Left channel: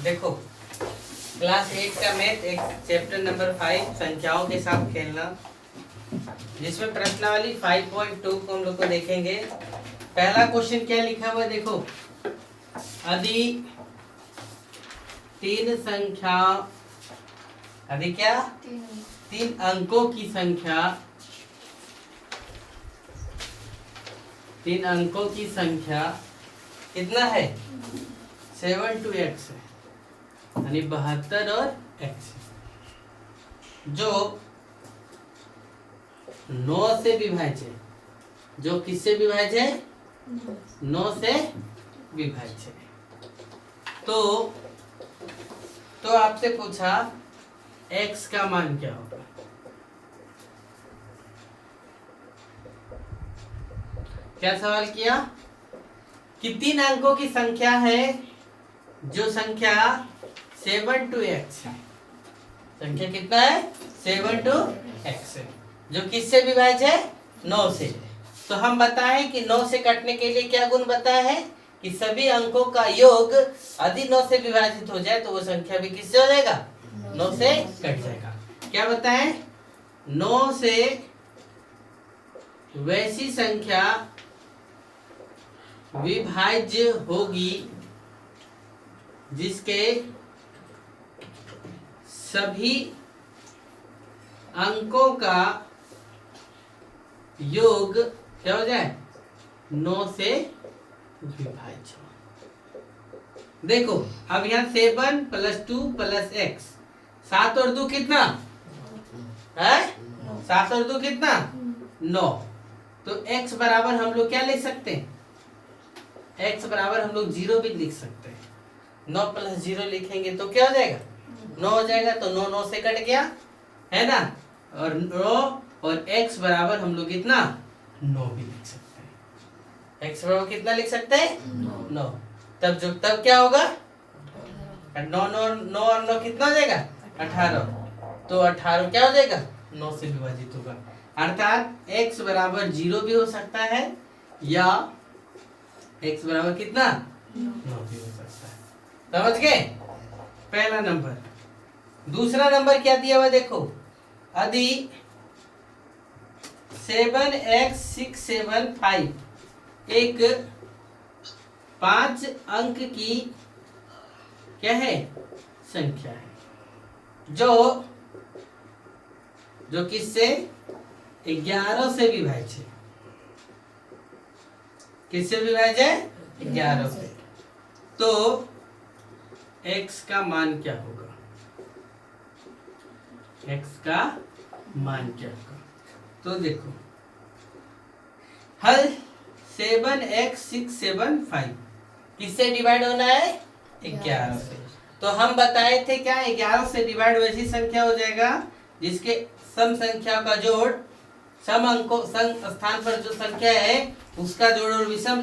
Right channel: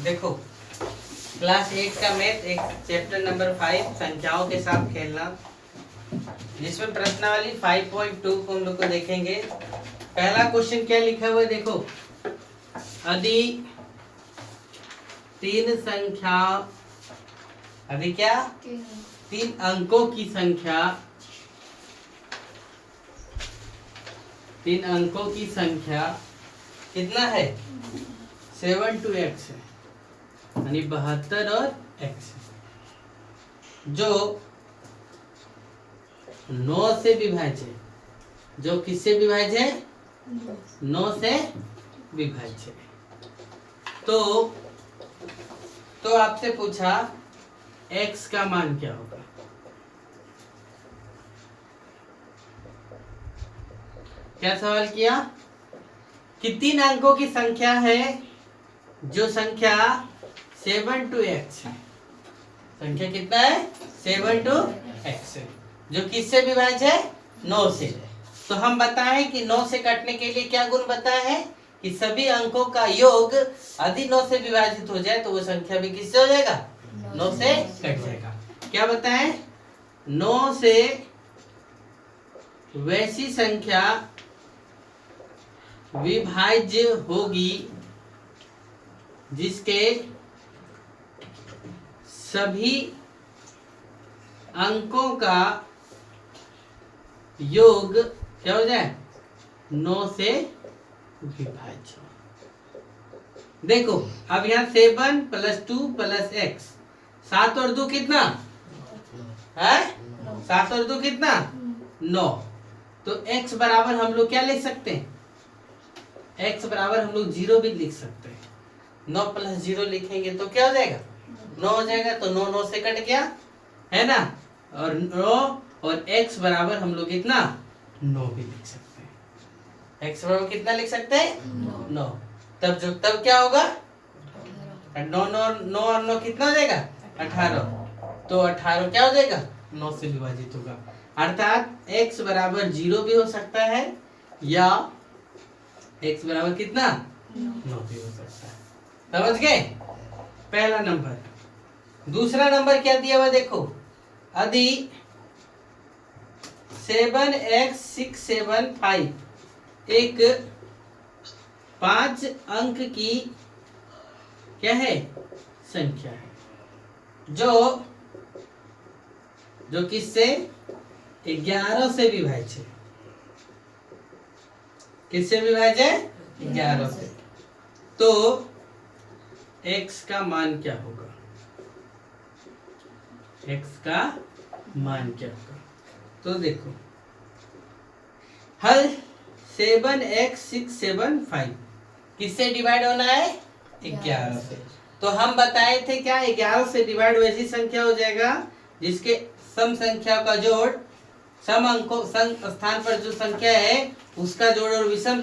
देखो क्लास 8 का मैथ एक चैप्टर नंबर 5 संख्याओं के साथ खेलना, जिसमें प्रश्नावली 5.2 को हम लोग को देखेंगे। पहला क्वेश्चन क्या लिखा हुआ है देखो, यदि तीन संख्या यदि क्या तीन अंकों की संख्या कितना है 7 to x है, यानी 72 और x है, जो 9 से विभाज्य है। जो किससे विभाज्य है? 9 से विभाज्य है। तो आपसे पूछा x का मान क्या होगा। क्या सवाल किया कि तीन अंकों की संख्या है, जो संख्या 7 to x है। संख्या कितना है? 7 to x है, जो किससे विभाज्य है? 9 से। तो हम बताएं कि 9 से कटने के लिए क्या गुण बताया है कि सभी अंकों का योग यदि 9 से विभाजित हो जाए तो वो संख्या भी किससे हो जाएगा? 9 से कट जाएगा। क्या बताएं? 9 से वैसी संख्या विभाज्य होगी जिसके सभी अंकों का योग क्या हो जाए? 9 से विभाज्य हो। देखो अब यहाँ 7 + 2 + x, 7 और 2 कितना है? 7 और 2 कितना? 9। तो x बराबर हम लोग क्या लिख सकते हैं? x बराबर हम लोग 0 भी लिख सकते हैं। 9 + 0 लिखेंगे तो क्या हो जाएगा? 9 हो जाएगा। तो 9 9 से कट गया, है ना। और 9 और x बराबर हम लोग कितना? 9 भी लिख सकते हैं। x बराबर कितना लिख सकते हैं? 9। तब क्या होगा? 9 और 9 कितना हो जाएगा? 18। तो 18 क्या हो जाएगा? 9 से विभाजित होगा। अर्थात x बराबर 0 भी हो सकता है या x बराबर कितना? 9 भी हो सकता है। समझ गए? पहला नंबर। दूसरा नंबर क्या दिया हुआ देखो, यदि 7x675 एक 5 अंक की क्या है? संख्या है, जो किससे? 11 से विभाज्य है। किससे विभाज्य है? 11 से। तो x का मान क्या होगा? x का मान क्या होगा? तो देखो हल 7x675 किससे डिवाइड होना है? 11 से। तो हम बताए थे क्या 11 से डिवाइड वैसी संख्या हो जाएगा जिसके सम संख्या का जोड़, सम अंकों सम स्थान पर जो संख्या है उसका जोड़ और विषम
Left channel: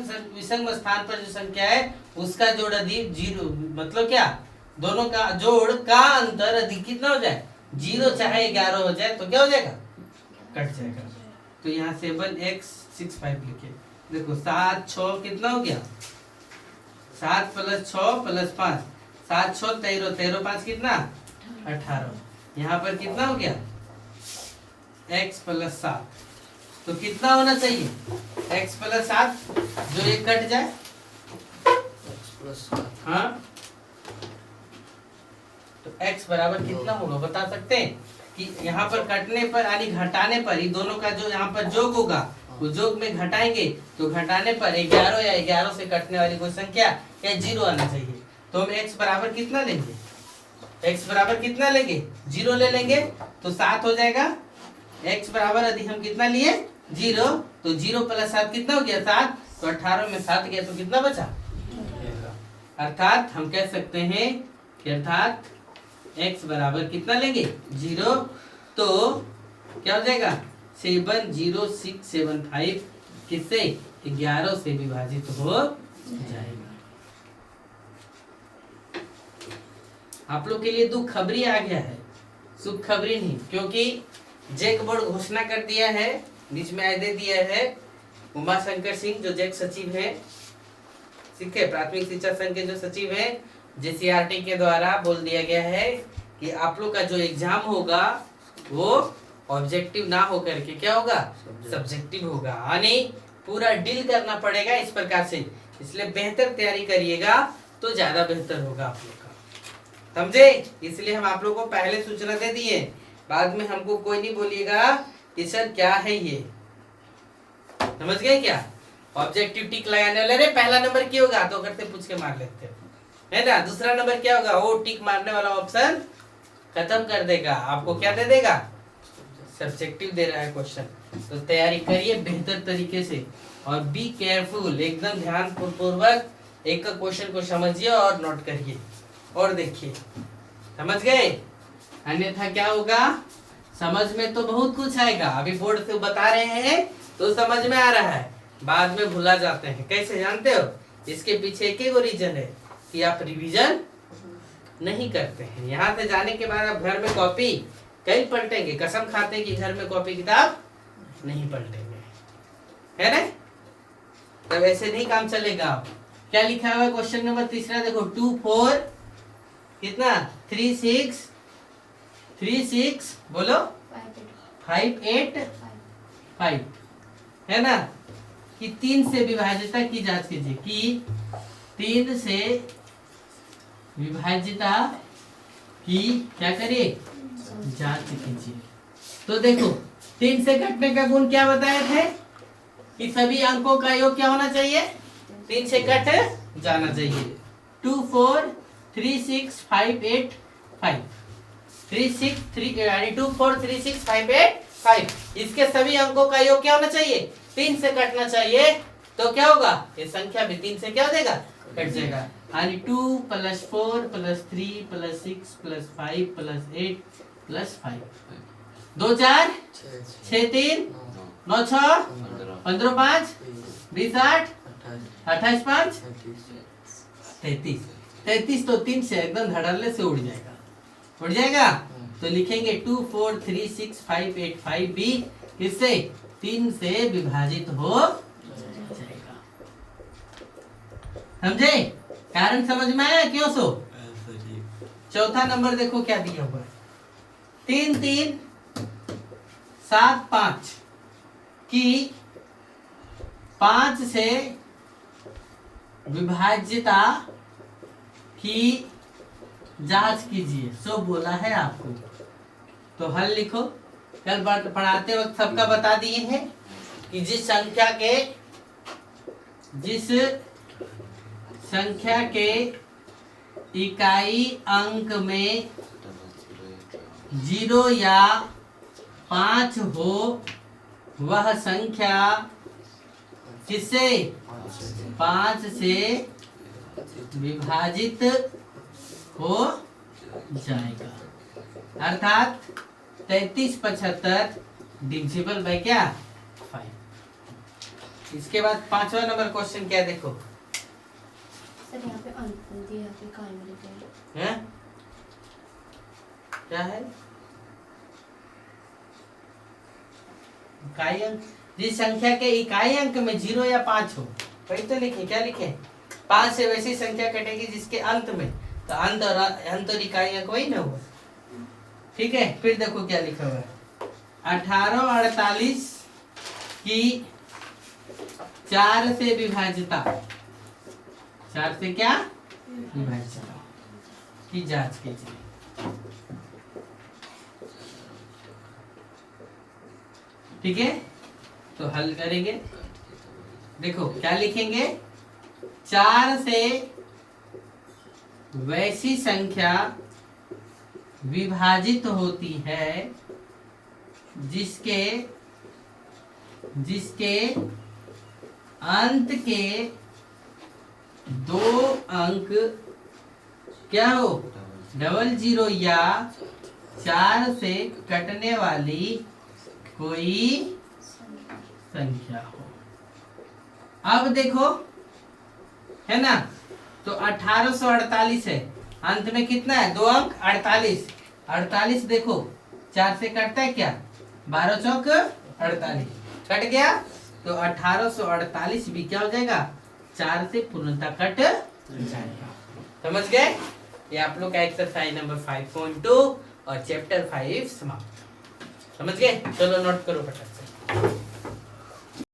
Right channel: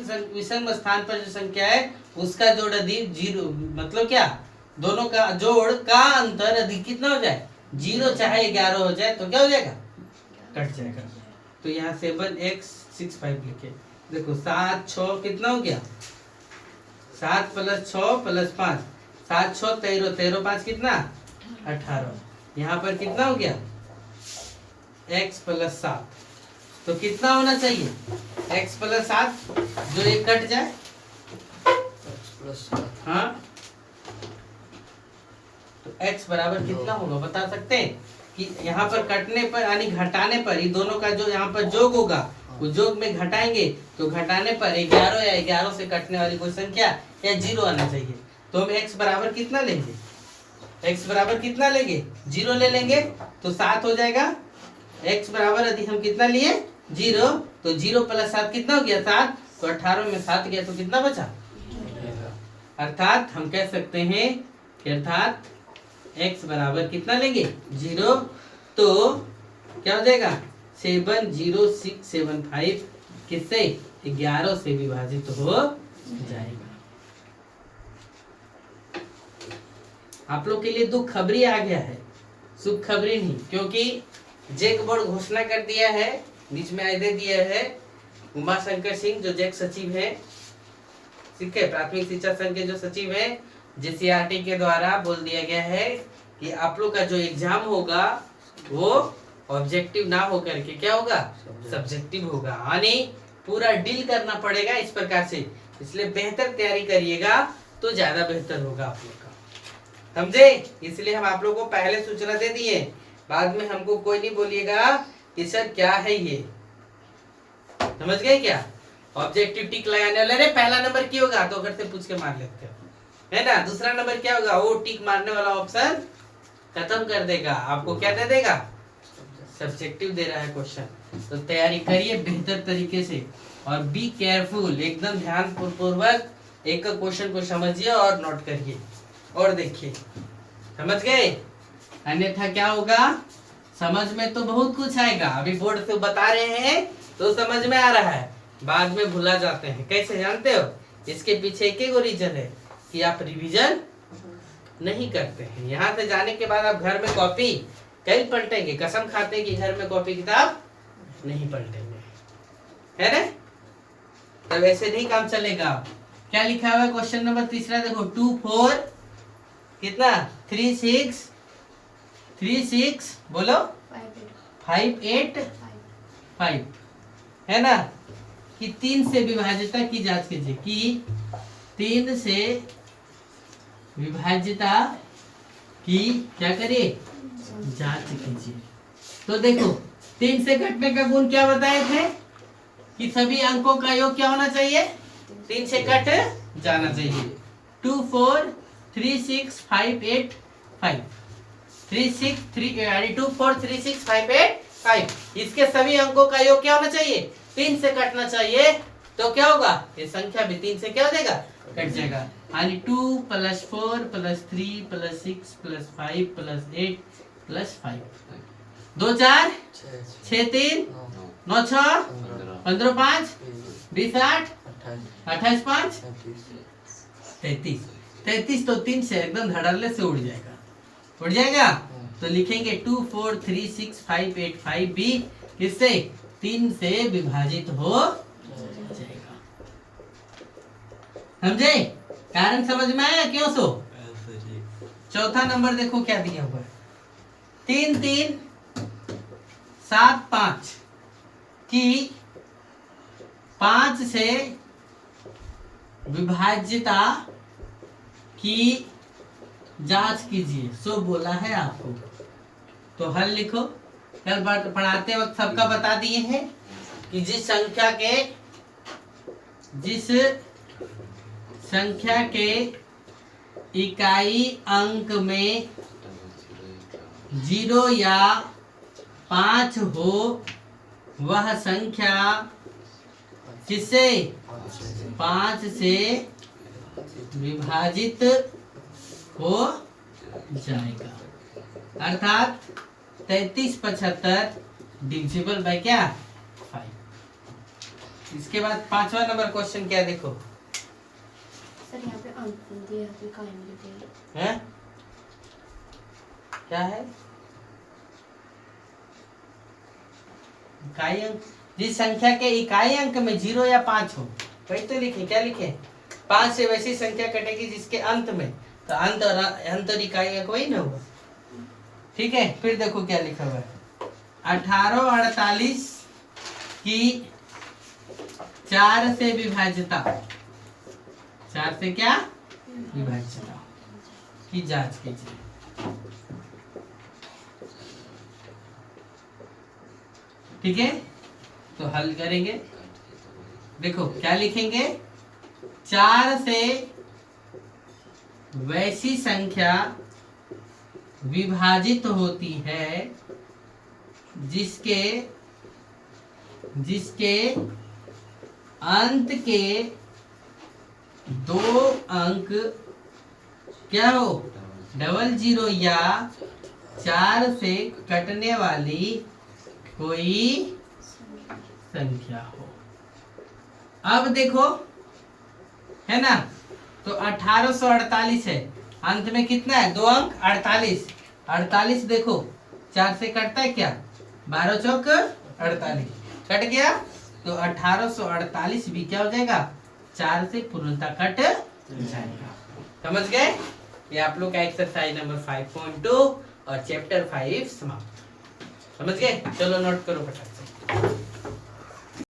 स्थान पर जो संख्या है उसका जोड़ अधिक 0, मतलब क्या? दोनों का जोड़ का अंतर अधिक कितना हो जाए? 0 चाहे 11 हो जाए तो क्या हो जाएगा? कट जाएगा। तो यहाँ 7x65 लिखे। देखो 7 6 कितना हो गया? 7 + 6 + 5, 7 6 13, 13 5 कितना? 18। यहाँ पर कितना हो गया? x + 7। तो कितना होना चाहिए? x + 7, जो ये कट जाए। x + 7। हाँ, तो x बराबर कितना होगा बता सकते हैं? कि यहाँ पर कटने पर यानी घटाने पर ये दोनों का जो यहाँ पर जोग होगा वो जोग में घटाएंगे तो घटाने पर 11 या 11 से कटने वाली कोई संख्या या 0 आना चाहिए। तो हम x बराबर कितना लेंगे? x बराबर कितना लेंगे? 0 ले लेंगे तो 7 हो जाएगा। x बराबर यदि हम कितना लिए? 0, तो 0 + 7 कितना हो गया? 7। तो 18 में 7 गया तो कितना बचा? अर्थात हम कह सकते हैं कि अर्थात x बराबर कितना लेंगे? 0। तो क्या हो जाएगा? 70675 किससे? 11 से विभाजित हो जाएगा। आप लोग के लिए दुख खबरी आ गया है, सुख खबरी नहीं, क्योंकि जैक बोर्ड घोषणा कर दिया है, बीच में आदेश दिया है उमाशंकर सिंह जो जैक सचिव है, ठीक है, प्राथमिक शिक्षा संघ के जो सचिव हैं, जीसीआरटी के द्वारा बोल दिया गया है कि आप लोग का जो एग्जाम होगा वो ऑब्जेक्टिव ना होकर के क्या होगा, सब्जेक्टिव होगा, यानी पूरा डील करना पड़ेगा इस प्रकार से। इसलिए बेहतर तैयारी करिएगा तो ज्यादा बेहतर होगा आप लोग का, समझे। इसलिए हम आप लोग को पहले सूचना दे दिए, बाद में हमको कोई नहीं बोलिएगा कि सर क्या है ये, समझ गए क्या। ऑब्जेक्टिव टिक लगाने वाला, अरे पहला नंबर क्या होगा तो अगर से पूछ के मार लेते है ना, दूसरा नंबर क्या होगा, वो टिक मारने वाला ऑप्शन खत्म कर देगा, आपको क्या दे देगा, सब्जेक्टिव दे रहा है क्वेश्चन। तो तैयारी करिए बेहतर तरीके से और बी केयरफुल, एकदम ध्यान पूर्वक एक क्वेश्चन को समझिए और नोट करिए और देखिए, समझ गए। अन्यथा क्या होगा, समझ में तो बहुत कुछ आएगा, अभी बोर्ड से बता रहे हैं तो समझ में आ रहा है, बाद में भुला जाते हैं। कैसे जानते हो, इसके पीछे एक ही रीजन है कि आप रिवीजन नहीं करते हैं। यहाँ से जाने के बाद आप घर में कॉपी कई पलटेंगे, कसम खाते हैं कि घर में कॉपी किताब नहीं पलटेंगे, है ना। तब ऐसे नहीं काम चलेगा। क्या लिखा हुआ है क्वेश्चन नंबर तीसरा, देखो 2 4 कितना 3 6 बोलो 5 8 5 है ना, कि 3 से विभाज्यता की जांच कीजिए, कि 3 से विभाज्यता की क्या करिए, जांच कीजिए। तो देखो 3 से घटने का गुण क्या बताए थे कि सभी अंकों का योग क्या होना चाहिए, 3 से कट जाना चाहिए। 2 4 3 6 5 8 5 3 6 3 यानी 2 4 3 6 5 8 5, इसके सभी अंकों का योग क्या होना चाहिए, 3 से कटना चाहिए। तो क्या होगा, ये संख्या भी 3 से क्या हो जाएगा, कट जाएगा, यानी 2 + 4 + 3 + 6 + 5 + 8 + 5 2 4 6 3 9 6 15 5 20 8 28 5 33 33, तो 3 से एकदम धड़ल्ले से उड़ जाएगा। तो लिखेंगे 2 4 3 6 5 8 5 भी किससे, 3 से विभाजित हो जाएगा, समझे। कारण समझ में आया क्यों सो। चौथा नंबर देखो क्या दिया हुआ है, 3 3 7 5 की 5 से विभाज्यता की जांच कीजिए, सो बोला है आपको। तो हल लिखो, कल पढ़ाते वक्त सबका बता दिए हैं कि जिस संख्या के इकाई अंक में 0 या 5 हो वह संख्या किससे, 5 से विभाजित हो जाएगा, अर्थात 33 75 डिविजिबल बाय क्या 5। इसके बाद 5वां नंबर क्वेश्चन क्या है, देखो सर यहाँ पे अंक दिया है, इकाई में लिखे हैं, क्या है इकाई अंक, जिस संख्या के इकाई अंक में 0 या 5 हो, वही तो लिखे, क्या लिखे, 5 से वैसी संख्या कटेगी जिसके अंत में, तो अंत और इकाई अंक वही ना होगा, ठीक है। फिर देखो क्या लिखा हुआ है, 18 48 की 4 से विभाज्यता, 4 से क्या विभाज्यता की जांच कीजिए। ठीक है, तो हल करेंगे, देखो क्या लिखेंगे, 4 से वैसी संख्या विभाजित होती है जिसके अंत के 2 अंक क्या हो, 00 या 4 से कटने वाली कोई संख्या हो। अब देखो है ना, तो 1848 है, अंत में कितना है 2 अंक 48, 48 देखो 4 से कटता है क्या, 12 चौक 48 कट गया, तो 1848 भी क्या हो जाएगा, 4 से पूर्णतः कट जाएगा। समझ गए? ये आप लोग का एक्सरसाइज नंबर 5.2 और चैप्टर 5 समाप्त। समझ गए? चलो नोट करो फटाक से।